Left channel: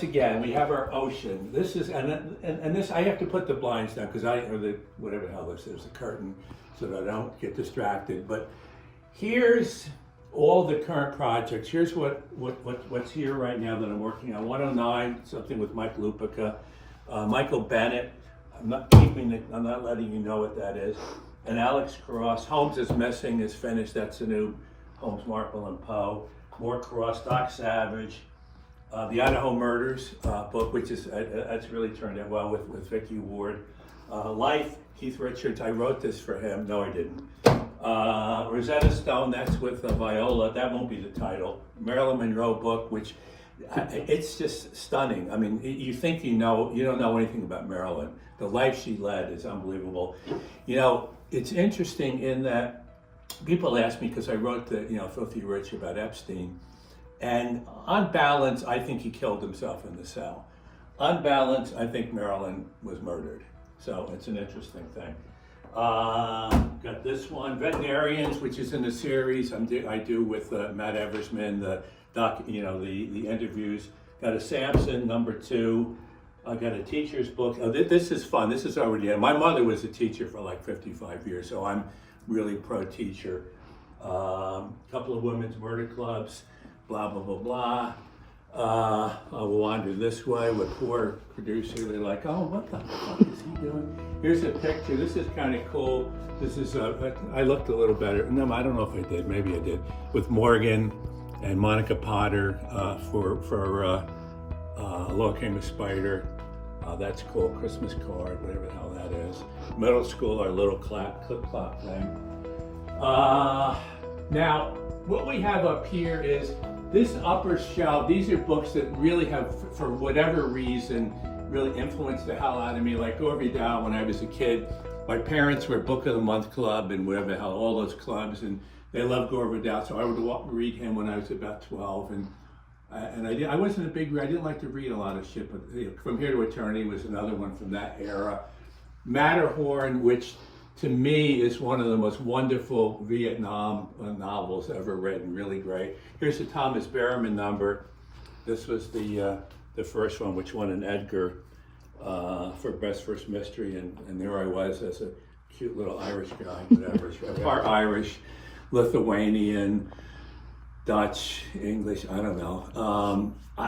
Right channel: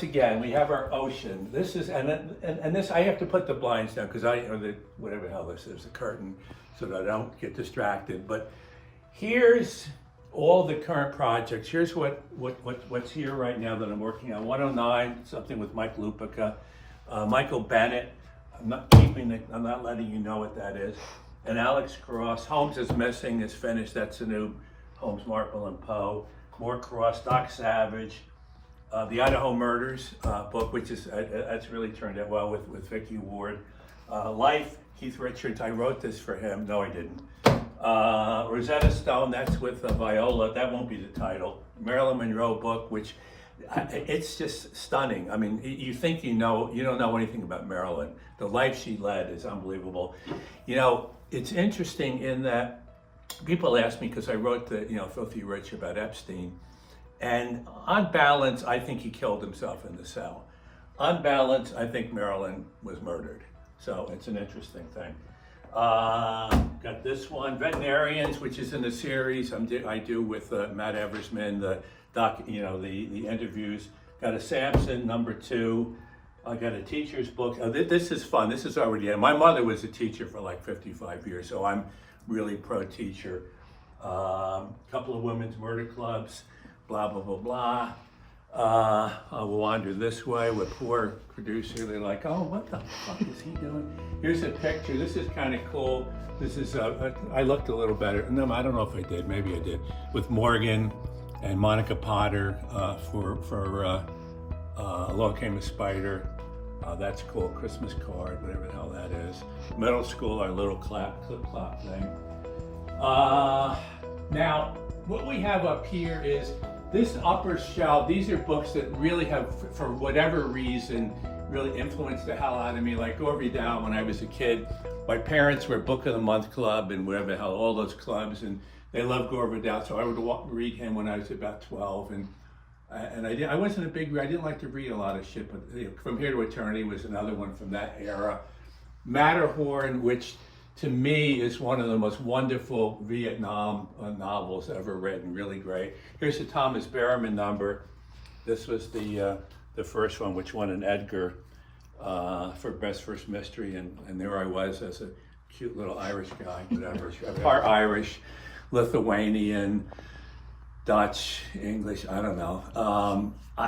once again, we have our ocean. This is, and this, I have to put the blinds down because or the, whatever the hell this is, the curtain, so that I don't get distracted. But here's all the current projects. Here's what's here right now that I'm working on. 109, something with Mike Lupica. Michael Bennett, I'm not letting you know what that is. And Alex Cross. Holmes is Missing is finished. That's the new Holmes, Marple, and Poe. More Cross, Doc Savage. The Idaho Murders book, which is, that's really turned out well with Vicki Ward. Life, Keith Richards, I wrote this for him. No, I didn't. Rosetta Stone, that's with Viola. That won't be the title. Marilyn Monroe book, which it's just stunning. I mean, you think you don't know anything about Marilyn. The life she led is unbelievable. You know, it's interesting in that people ask me, because I wrote the, Filthy Rich about Epstein, and on balance, I think he killed himself in the cell. On balance, I think Marilyn was murdered. So it's an interesting thing. Got this one, Veterinarians, which is in a series I do with Matt Eversman, the interviews. Got a Samson, #2. I got a teacher's book. This is fun. This is already in. My mother was a teacher for like 55 years, so I'm really pro teacher. Couple of women's murder clubs, blah, blah, blah, blah. I'll wander this way with poor producer. They're like, oh, what the fuck is he doing? Here's a picture. This is kind of cool. This is, I looked a little better. No, I don't know if I did. Maybe I did. With Morgan and Monica Potter for Along Came a Spider. That's cool. Christmas card, whatever the hell that is. Middle school, our little clip-clop thing. Now, what we have up here is this upper shelf. These are books that really have, for whatever reason, really influenced the hell out of me. Like Gore Vidal, when I was a kid, my parents were Book of the Month Club and whatever the hell, all those clubs, and they loved Gore Vidal, so I would read him when I was about 12, and I wasn't a big reader. I didn't like to read a lot of shit, but From Here to Eternity was another one from that era. Matterhorn, which to me is one of the most wonderful Vietnam novels ever written, really great. Here's the Thomas Berriman number. This was the first one, which won an Edgar for Best First Mystery, and there I was as a cute little Irish guy, whatever, part Irish, Lithuanian, Dutch, English, I don't know.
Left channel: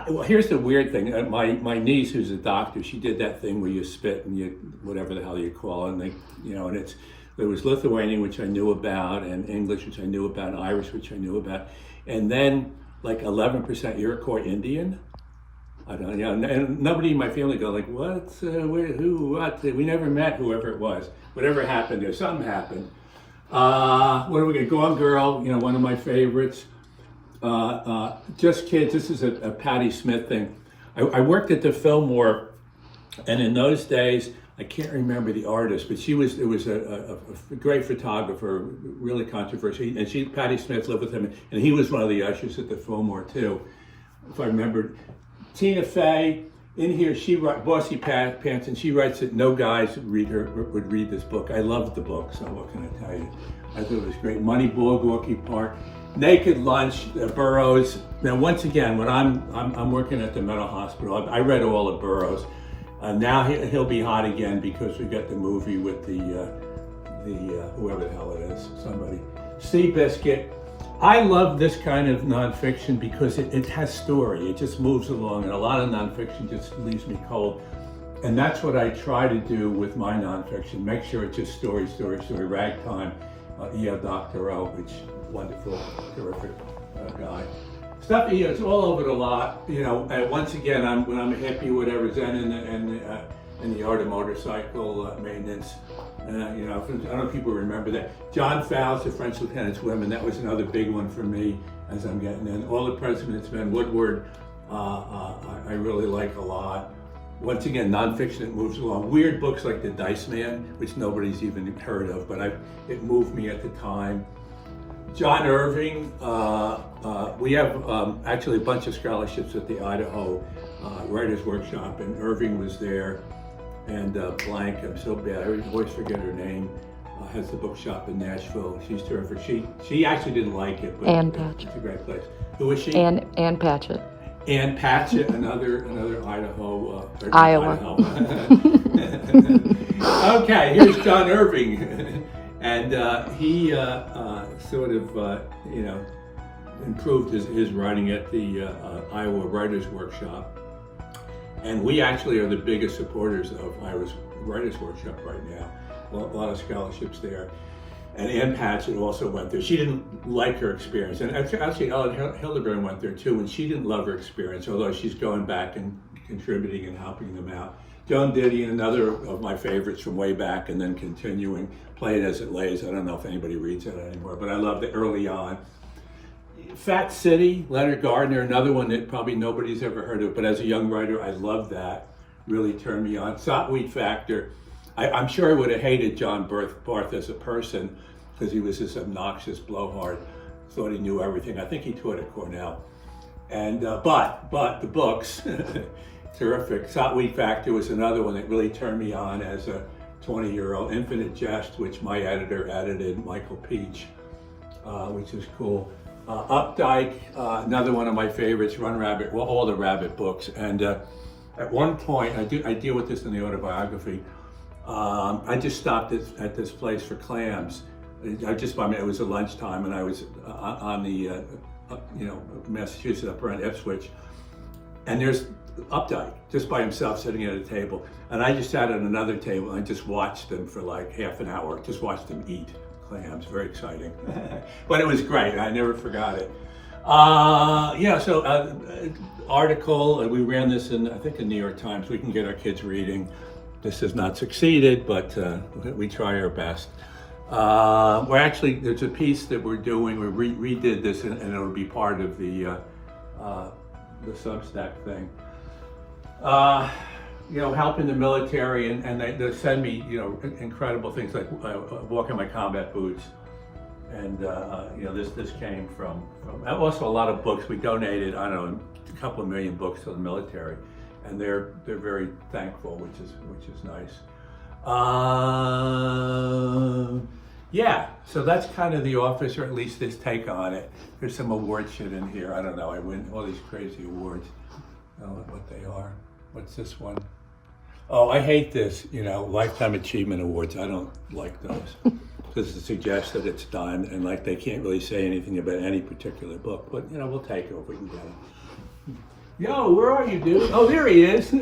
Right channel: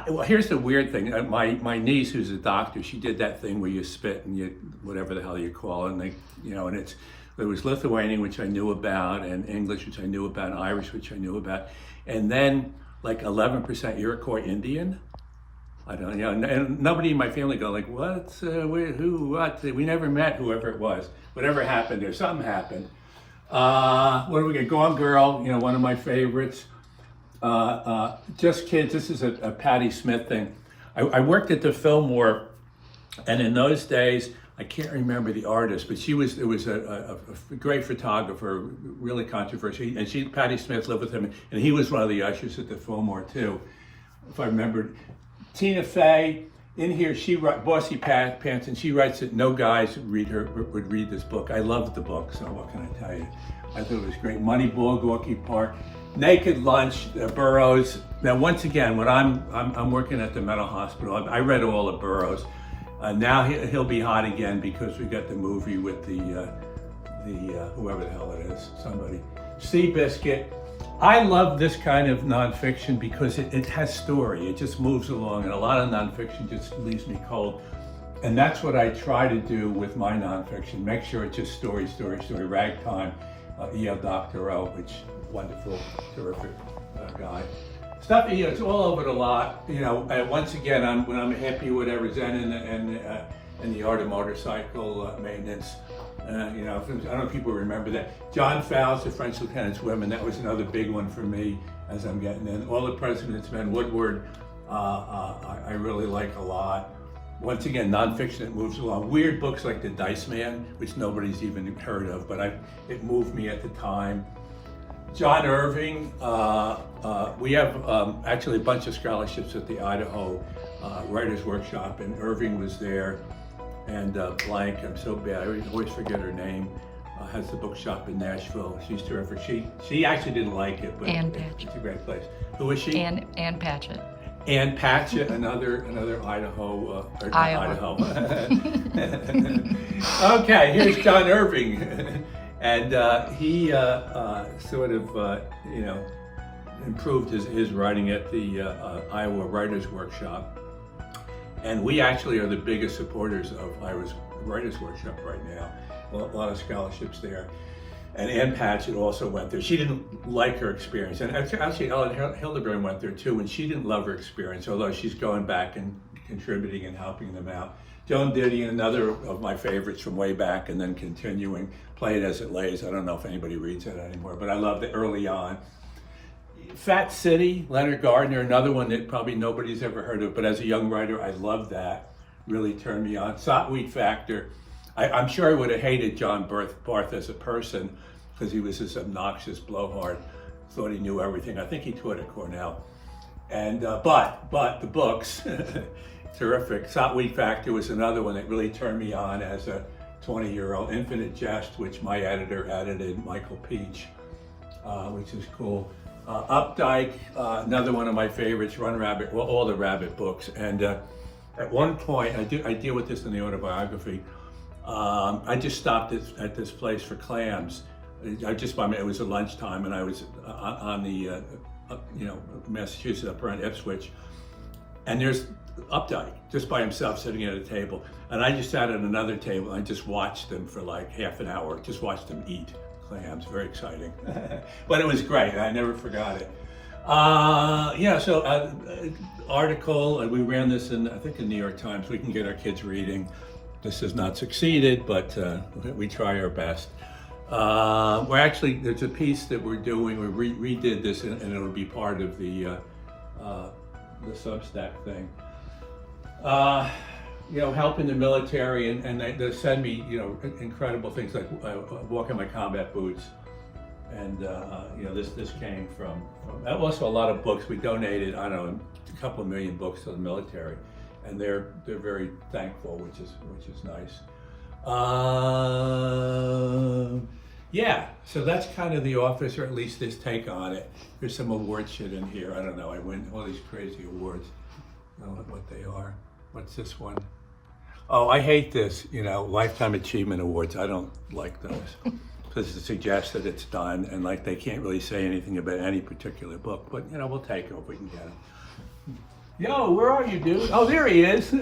Well, here's the weird thing. My niece, who's a doctor, she did that thing where you spit and you, whatever the hell you call it, and and it was Lithuanian, which I knew about, and English, which I knew about, and Irish, which I knew about, and then like 11% Iroquois Indian. I don't know, and nobody in my family go like, what, who, what? We never met whoever it was. Whatever happened there, something happened. What do we get? Gone Girl, one of my favorites. Just Kids, this is a Patti Smith thing. I worked at the Fillmore, and in those days, I can't remember the artist, but it was a great photographer, really controversial, and Patti Smith lived with him, and he was one of the ushers at the Fillmore too, if I remembered. Tina Fey, in here, she writes, Bossy Pants, and she writes that no guys would read this book. I loved the book, so what can I tell you? I thought it was great. Moneyball, Gorky Park. Naked Lunch, Burroughs. Now, once again, when I'm working at the mental hospital, I read all of Burroughs. Now he'll be hot again because we got the movie with the whoever the hell it is, somebody. Seabiscuit. I love this kind of nonfiction because it has story. It just moves along, and a lot of nonfiction just leaves me cold. And that's what I try to do with my nonfiction. Make sure it's just story. Ragtime, E.L. Doctorow, which wonderful, terrific guy. Stuff, it's all over the lot. And once again, when I'm a hippie, whatever, Zen in the art of motorcycle maintenance. I don't know if people remember that. John Fowles, The French Lieutenant's Women, that was another big one for me as I'm getting in. All the President's Men, Woodward, I really like a lot. Once again, nonfiction that moves along. Weird books like The Dice Man, which nobody's even heard of, but it moved me at the time. John Irving, we have actually a bunch of scholarships at the Idaho Writers Workshop, and Irving was there. And blank, I'm so bad, I always forget her name, has the bookshop in Nashville. She's terrific. She actually didn't like it, but Ann Patchett. It's a great place. Who is she? Ann Patchett. Ann Patchett, another Idaho, or Iowa. Idaho. Okay, here's John Irving, and he sort of improved his writing at the Iowa Writers Workshop, and we actually are the biggest supporters of Iowa's Writers Workshop right now. A lot of scholarships there. And Ann Patchett also went there. She didn't like her experience. And actually, Ellen Hildebrand went there too, and she didn't love her experience, although she's going back and contributing and helping them out. Joan Didion, another of my favorites from way back, and then continuing, Play It As It Lays. I don't know if anybody reads that anymore, but I loved it early on. Fat City, Leonard Gardner, another one that probably nobody's ever heard of, but as a young writer, I loved that. Really turned me on. Sotweed Factor. I'm sure I would have hated John Barth as a person because he was this obnoxious blowhard, thought he knew everything. I think he taught at Cornell. And but the books, terrific. Sotweed Factor was another one that really turned me on as a 20-year-old. Infinite Jest, which my editor edited, Michael Peach, which is cool. Updike, another one of my favorites. Run Rabbit, well, all the Rabbit books. And at one point, I deal with this in the autobiography. I just stopped at this place for clams. It was a lunchtime, and I was on the Massachusetts up around Ipswich, and there's Updike just by himself sitting at a table, and I just sat at another table and I just watched them for like half an hour. Just watched them eat clams. Very exciting, but it was great. I never forgot it. Article. We ran this in, I think, the New York Times. We can get our kids reading. This has not succeeded, but we try our best. There's a piece that we're doing. We redid this, and it'll be part of the Substack thing. Helping the military, and they send me, incredible things like walking my combat boots, and this came from also a lot of books. We donated, I don't know, a couple of million books to the military. And they're very thankful, which is nice. So that's kind of the office, or at least this take on it. There's some award shit in here. I don't know. I win all these crazy awards. I don't know what they are. What's this one? Oh, I hate this. Lifetime Achievement Awards. I don't like those because it suggests that it's done, and like they can't really say anything about any particular book. But we'll take it if we can get it. Yo, where are you, dude? Oh, there he is.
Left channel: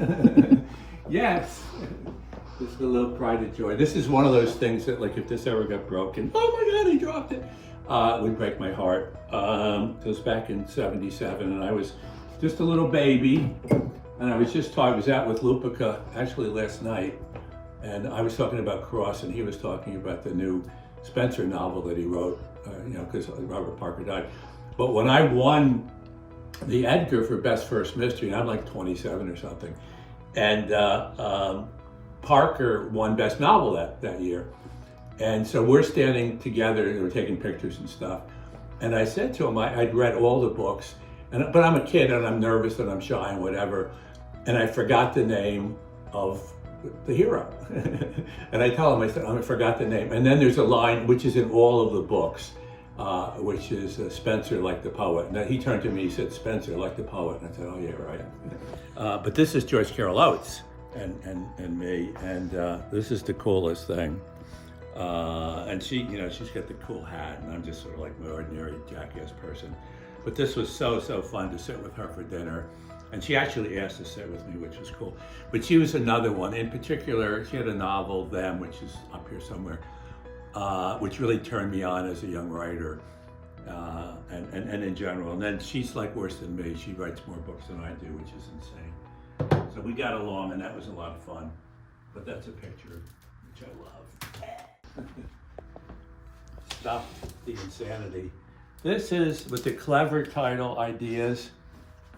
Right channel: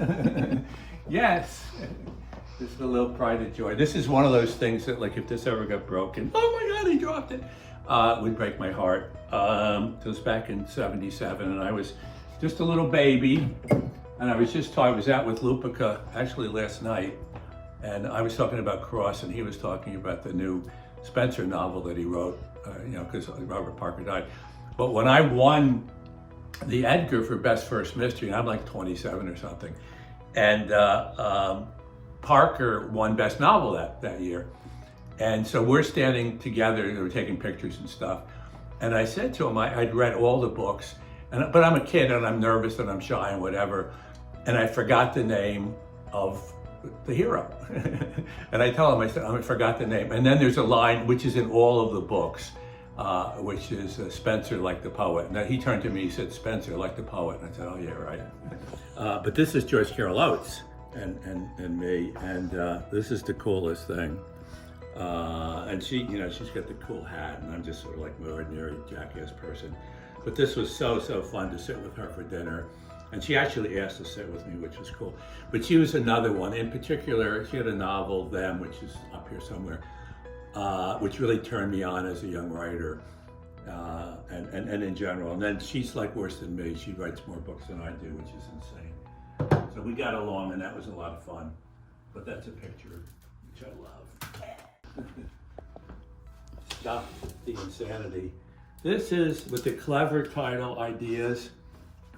Yes. This is a little pride of joy. This is one of those things that, like, if this ever got broken, oh my God, he dropped it. It would break my heart. It was back in '77, and I was just a little baby. And I was out with Lupica actually last night, and I was talking about Cross, and he was talking about the new Spencer novel that he wrote, because Robert Parker died. But when I won the Edgar for Best First Mystery, and I'm like 27 or something, and Parker won Best Novel that year. And so we're standing together, we're taking pictures and stuff. And I said to him, I'd read all the books, but I'm a kid and I'm nervous and I'm shy and whatever. And I forgot the name of the hero. And I tell him, I forgot the name. And then there's a line which is in all of the books, which is Spencer like the poet. And he turned to me, he said, Spencer like the poet. And I said, oh yeah, right. But this is Joyce Carol Oates and me, and this is the coolest thing. And she, she's got the cool hat, and I'm just sort of like my ordinary jackass person. But this was so fun to sit with her for dinner. And she actually asked to sit with me, which was cool. But she was another one. In particular, she had a novel, Them, which is up here somewhere, which really turned me on as a young writer, and in general. And then she's like worse than me. She writes more books than I do, which is insane. So we got along, and that was a lot of fun. But that's a picture which I love. Stop the insanity. This is with the clever title, Ideas.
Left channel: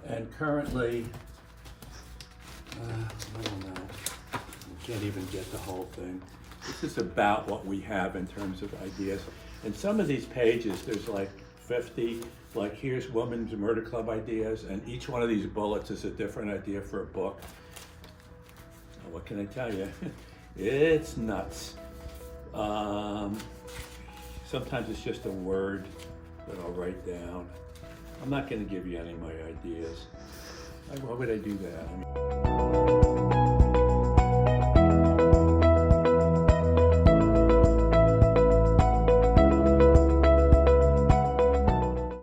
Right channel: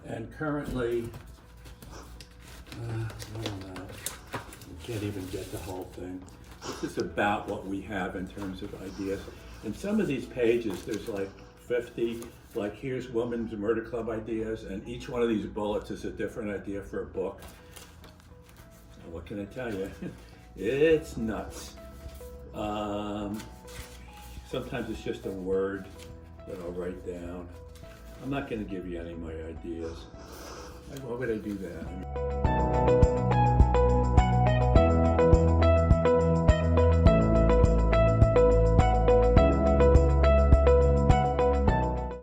And currently, I don't know, I can't even get the whole thing. This is about what we have in terms of ideas. And some of these pages, there's like 50, like here's Women's Murder Club ideas, and each one of these bullets is a different idea for a book. What can I tell you? It's nuts. Sometimes it's just a word that I'll write down. I'm not going to give you any of my ideas. Why would I do that?